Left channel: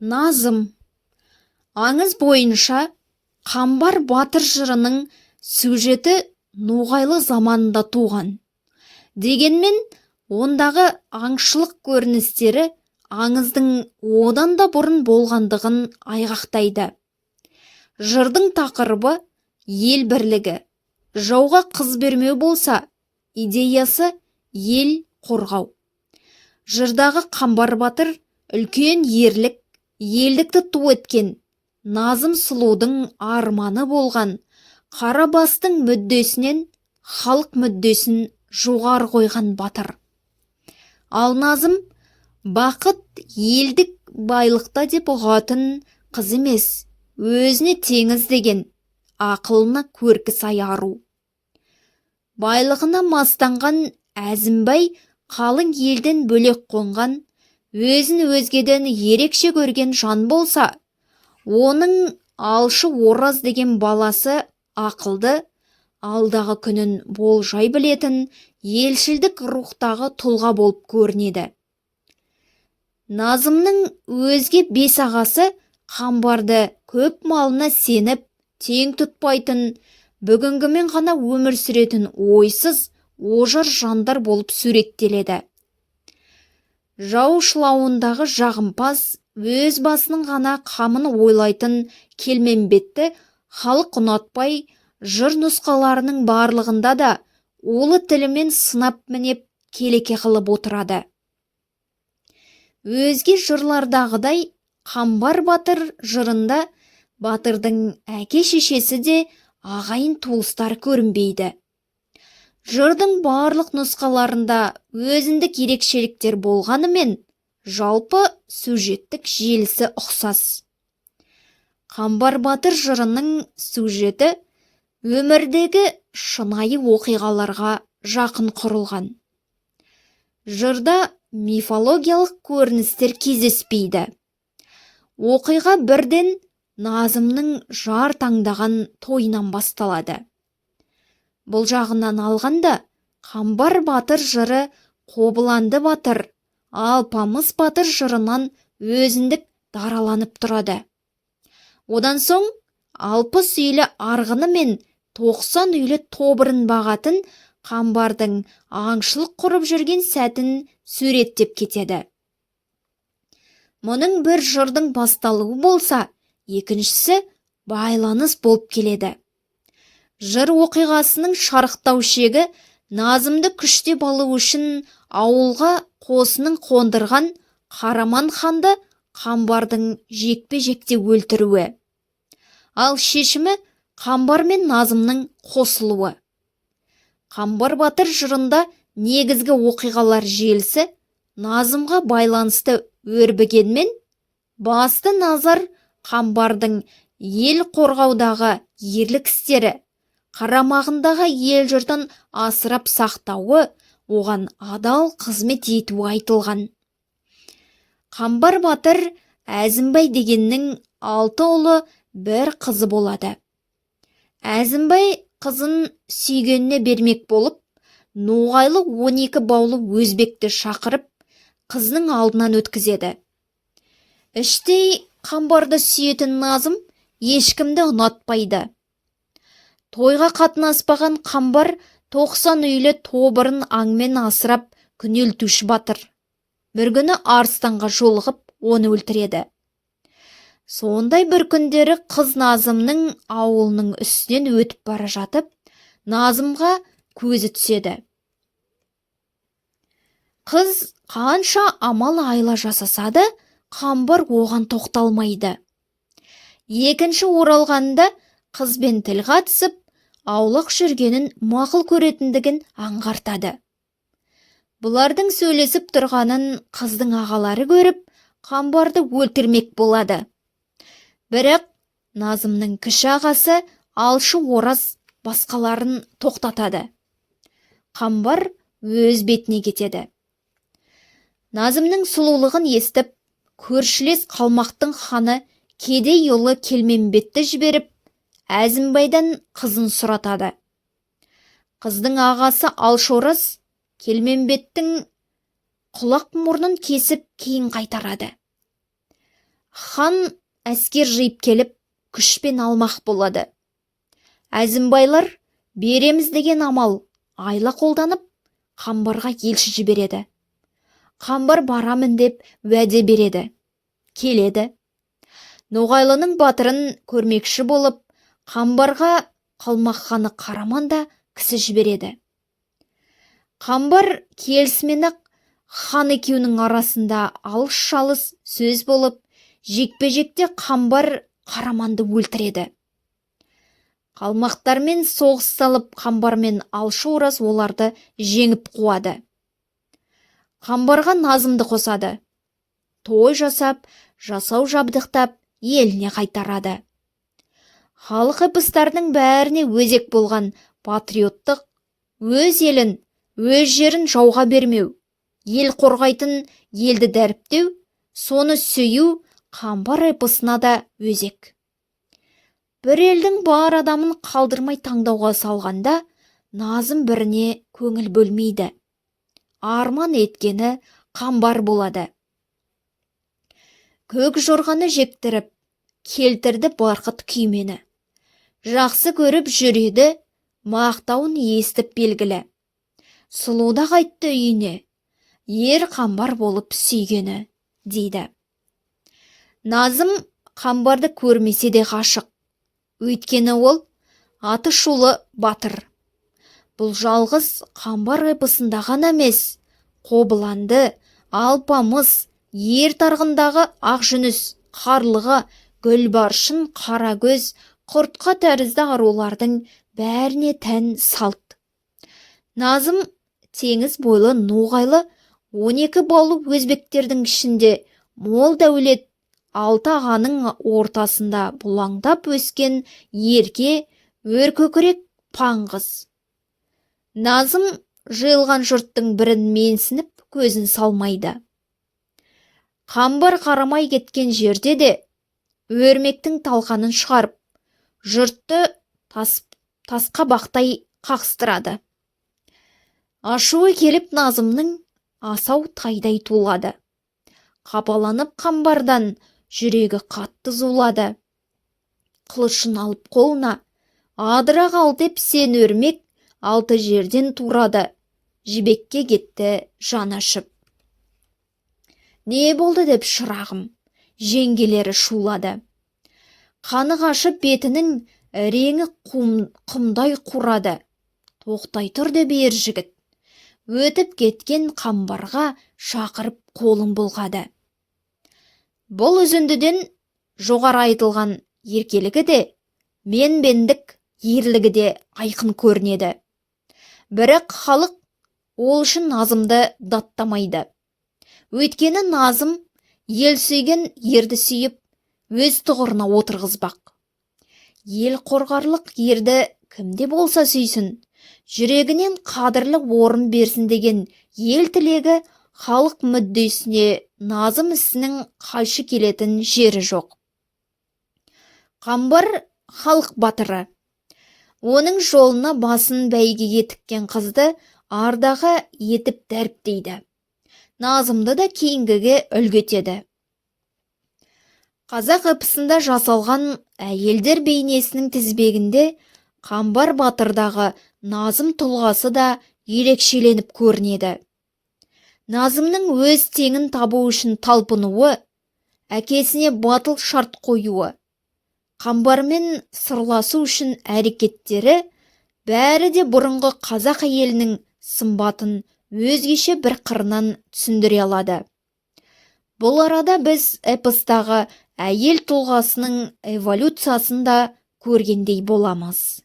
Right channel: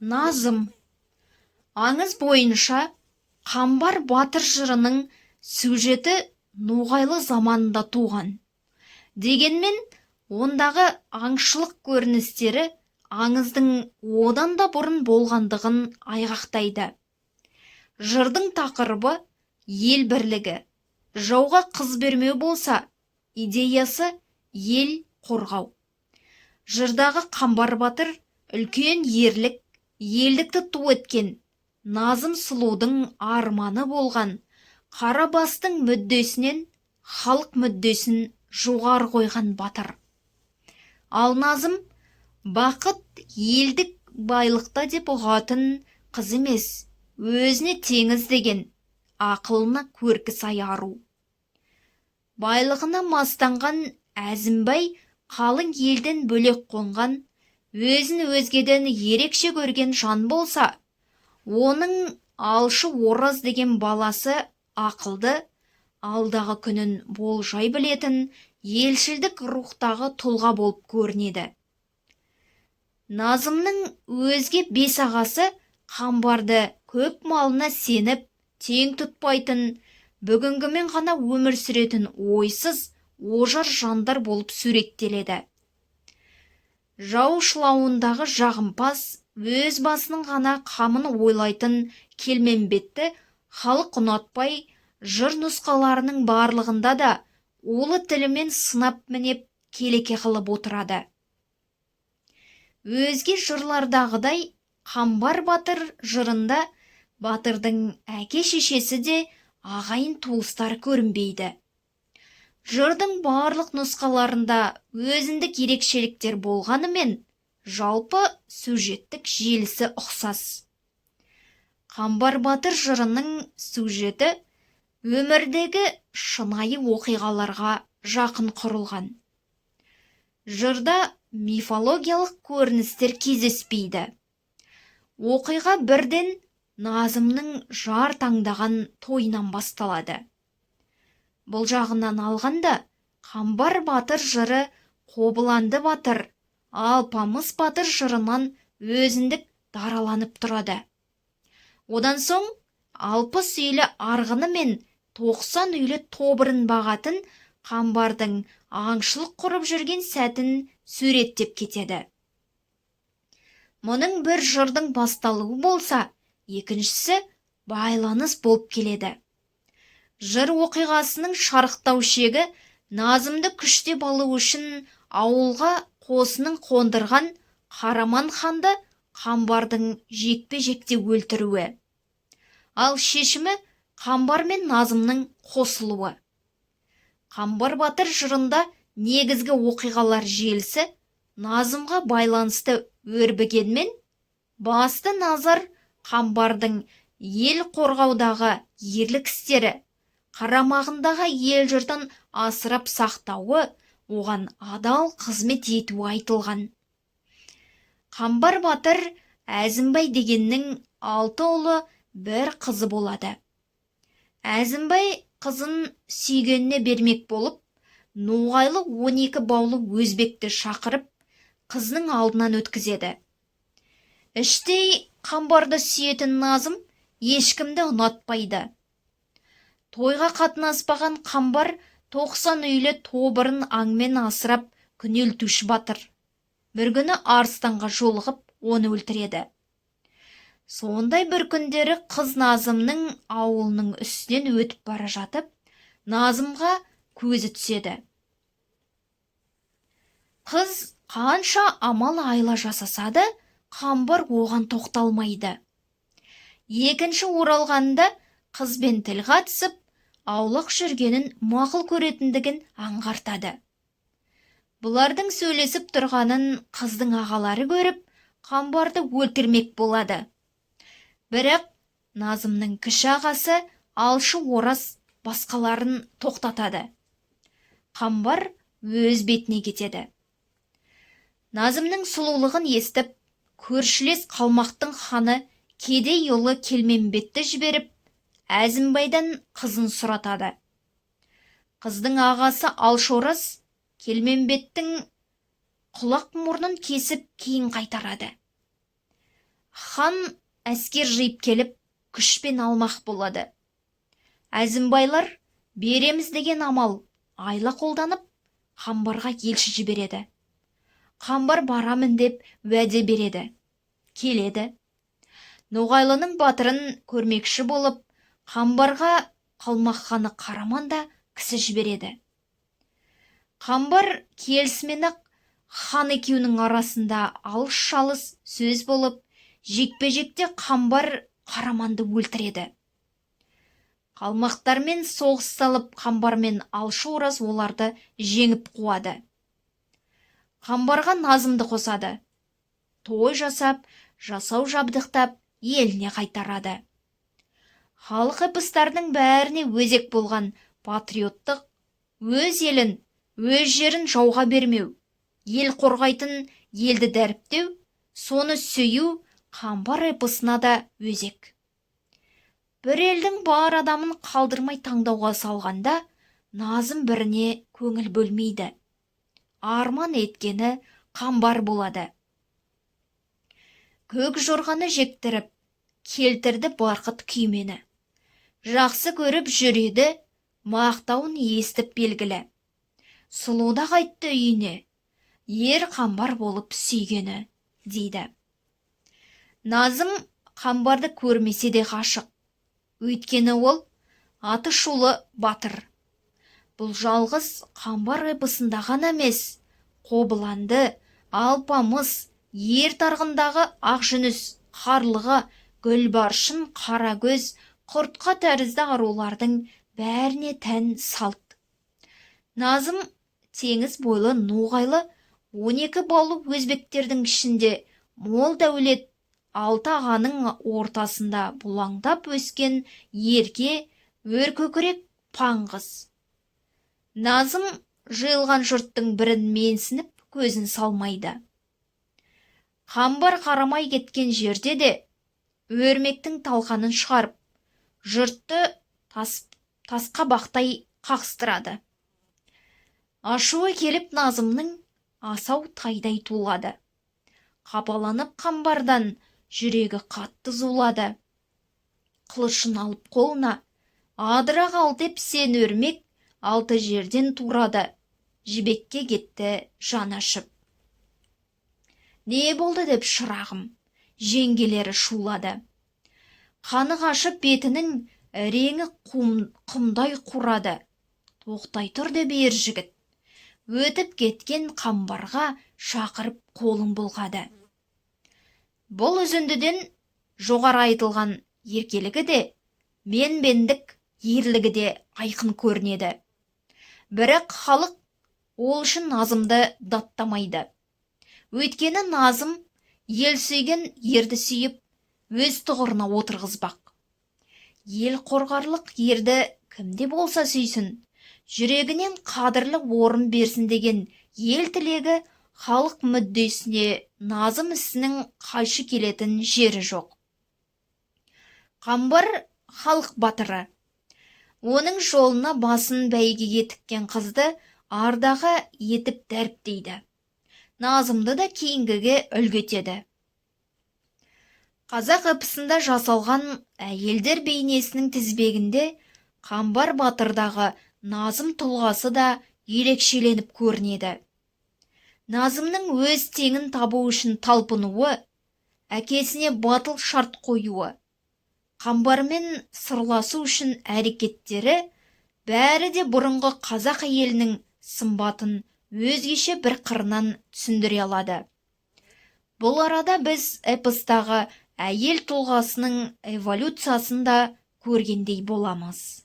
Назым. Аңыз бойынша Қамбар батыр жырының сюжеті ноғайлы заманында туған. Дегенмен, ондағы аңшылық көріністері аңыздың одан да бұрын болғандығын айғақтайды. Жырдың тақырыбы ел бірлігі, жауға қыз бермеу болса, идеясы ел қорғау. Жырдағы Қамбар батыр үлкен ерлік, елдікті ту еткен, Назым сұлудың арманы болған, Қарабастың мүддесінен халық мүддесін жоғары қойған батыр. Ал Назым бақыт елдік байлықта деп ұғатын қыз емес, өзіне теңіз деген, ақылына көркі сай ару. Байлығына мастанған Әзімбай қалың елден бөлек қонған, өзін өзгеден ерекше көрген жан болса, оның алшы Ораз деген баласы ақылды, алдағы күнін болжай білетін елшілдік рухтағы тұлға болып көрінеді. Назымның өзге 5 ағасы Қамбарды көп малына сеніп, тең тұтпайтын, бүгінгімен ғана өмір сүретін ойсыз, ожар жандар болып суреттеледі. Жау шылауындағы жағымпаз, өз басының ғана қамын ойлайтын Келмембетті халық ұнатпай, жыр нұсқаларының барлығында да улы тілімен сынап мінеп келеке қылып отырады. Өзге жырлардағыдай Қамбар батыр жырында батырдың әке-шешесі де ағайын туыстар көрінбейді. Жырдың барлық нұсқаларында өзіндік ерекшеліктер болғанымен, жалпы сюжеттік желісі ұқсас. Қамбар батыр жырының сюжеті өмірдегі шынайы оқиғаларға жақын құрылған. Жырда мифологиялық көріністер кездеспейді. Оқиға бірден Назымның жар таңдаған тойынан басталады. Бұл жағынан алғанда, Қамбар батыр жыры Қобыланды батыр, Алпамыс батыр жырынан өзіндік дараланып тұрады. Одан соң 60 үйлі арғыны мен 90 үйлі тобырын бағатын Қамбардың аңшылық құрып жүрген сәтін суреттеп кетеді. Мұның бір жырдың басталуы болса, екіншісі байланыс болып келеді. Жыр оқиғасының шарықтау шегі Назымды күштеп алу үшін ауылға қосының қондырған Қараман ханды Қамбардың жекпе-жекте өлтіруі. Ал шешімі Қамбар мен Назымның қосылуы. Қамбар батыр жырында негізгі оқиғалар желісі Назымға байланысты өрбігенмен, басты назар Қамбардың ел қорғаудағы ерлік істері, қарамағындағы ел жұртын асырап сақтауы, оған адал қызмет етуі айтылған. Қамбар батыр Әзімбай дегеннің 6 ұлы, 1 қызы болады. Әзімбай қызын сүйгеніне бермек болып, ноғайлы 12 баулы өзбекті шақырып, қызының алдынан өткізеді. Іштей Қамбарды сүйетін Назым ешкімді ұнатпайды. Тойға қатынаспаған Қамбар 90 үйлі тобырын аңмен асырап күнелтуші батыр. Бір күні арыстанға жолығып, оны өлтіреді. Сондай бір күндері қыз Назымның ауылының үстінен өтіп бара жатып, Назымға көзі түседі. Қыз қанша амал айла жасаса да, Қамбар оған тоқталмайды. Екінші оралғанда қызбен тіл қатысып, аулақ жүргенін мақұл көретіндігін аңғартады. Бұлардың сөйлесіп тұрғанын қыздың ағалары көріп, Қамбарды өлтірмек болады. Бірақ Назымның кіші ағасы алшы Ораз басқаларын тоқтатады. Қамбар өз бетіне кетеді. Назымның сұлулығын естіп, көршілес қалмақтың ханы кедей ұлы Келмембетті жіберіп, Әзімбайдан қызын сұратады. Қыздың ағасы Алшораз Келмембеттің құлақ мұрнын кесіп кейін қайтарады. хан әскер жиып келіп, күшпен алмақ болады. Әзімбайлар береміз деген амал айла қолданып, Қамбарға елші жібереді. Қамбар барамын деп уәде береді. Келеді. Ноғайлының батырын көрмекші болып, Қамбарға Қалмақ ханы Қараманда кісі жібереді. Қамбар келісімен-ақ хан екеуінің арасында алыс-шалыс сөз болып, жекпе-жекте Қамбар Қараманды өлтіреді. Қалмақтармен соғыс салып, Қамбармен алшы ораз оларды жеңіп қуады. Қамбарға Назымды қосады. Той жасап, жасау жабдықтап, еліне қайтарады. Халық эпостардың бәріне өзек болған патриоттық, өз елін, өз жерін жауға бермеу, ел қорғайтын, елді дәріптеу, соны сөю Қамбар эпосына да өзек. Бір елдің бар адамын қалдырмай таңдауға салғанда, Назым біріне көңіл бөлмейді. Арман еткені Қамбар болады. Көк жорғаны жектіріп, келтірді барқыт күймені. Жақсы көріп жүреді, мақтауын естіп белгілі. Сұлуда қайтты үйіне, ер Қамбар болып сүйгені, дейді. Назым Қамбарды көрмесе де ғашық. Өйткені ол аты шулы батыр. Бұл жалғыз Қамбар эпосында ғана емес, Қобыланды, Алпамыс, ер тарғындағы Ақжүніс, Қарлыға, Гүлбаршын, Қарагөз, Құртқа тәрізді арулардың бәріне тән салт. Назым теңіз бойлы Ноғайлы 12 балу өзбектердің ішінде мол дәулет, 6 ағаның ортасында бұлаңдап өскен ерке, өркөкірек паңғыз. Назым жиылған жұрттың бірін менсініп көзін салмайды. Қамбар қарамай кеткен жерде де өрмектің талқанын шығарып, жұртты тасқа бақтай қақстырады. Ашуы келіп Назымның асау тайдай тулады. Қапаланып Қамбардан жүрегі қатты зулады. Қылышын алып қолына, адыра қал деп сен өрмек 6 жерден турады. Жібекке кетті жан ашып. Не болды деп шырағым, жеңгелері шулады. Қаны қашып бетінің реңі құмдай қурады. Тоқтай тұр деп ер жігіт. Өтіп кеткен Қамбарға шақырып қолын бұлғады. Бұл үзіндіден жоғары айтылған еркелігі де, менбендік ерлігі де айқын көрінеді. Бірақ халық ол үшін Назымды даттамайды. Өйткені Назым ел сүйген ерді сүйіп, өз тұғырына отырғызбақ. Ел қорғарлық ерді кімде болса сүйсін, жүрегінен қадірлі орын берсін деген ел тілегі халық мүддесіне Назым ісінің қайшы келетін жері жоқ. Қамбар халық батыры. Оның жолына басын бәйгеге тіккен қызды ардағы етіп дәріптейді. Назымды да кейінгіге үлгетеді. Қазақ эпосында жасалған әйелдер бейнесінің тізбегінде Қамбар батырдағы Назым тұлғасы да ерекшеленіп көрінеді. Назымның өз теңін табу үшін талпынуы, әкесіне батыл шарт қоюы, Қамбармен сырласу үшін әрекеттері бәрі де бұрынғы қазақ әйелінің сымбатын өзгеше бір қырынан түсіндіре алады. Бұл арада біз эпостағы әйел тұлғасының эволюциясын да көргендей боламыз.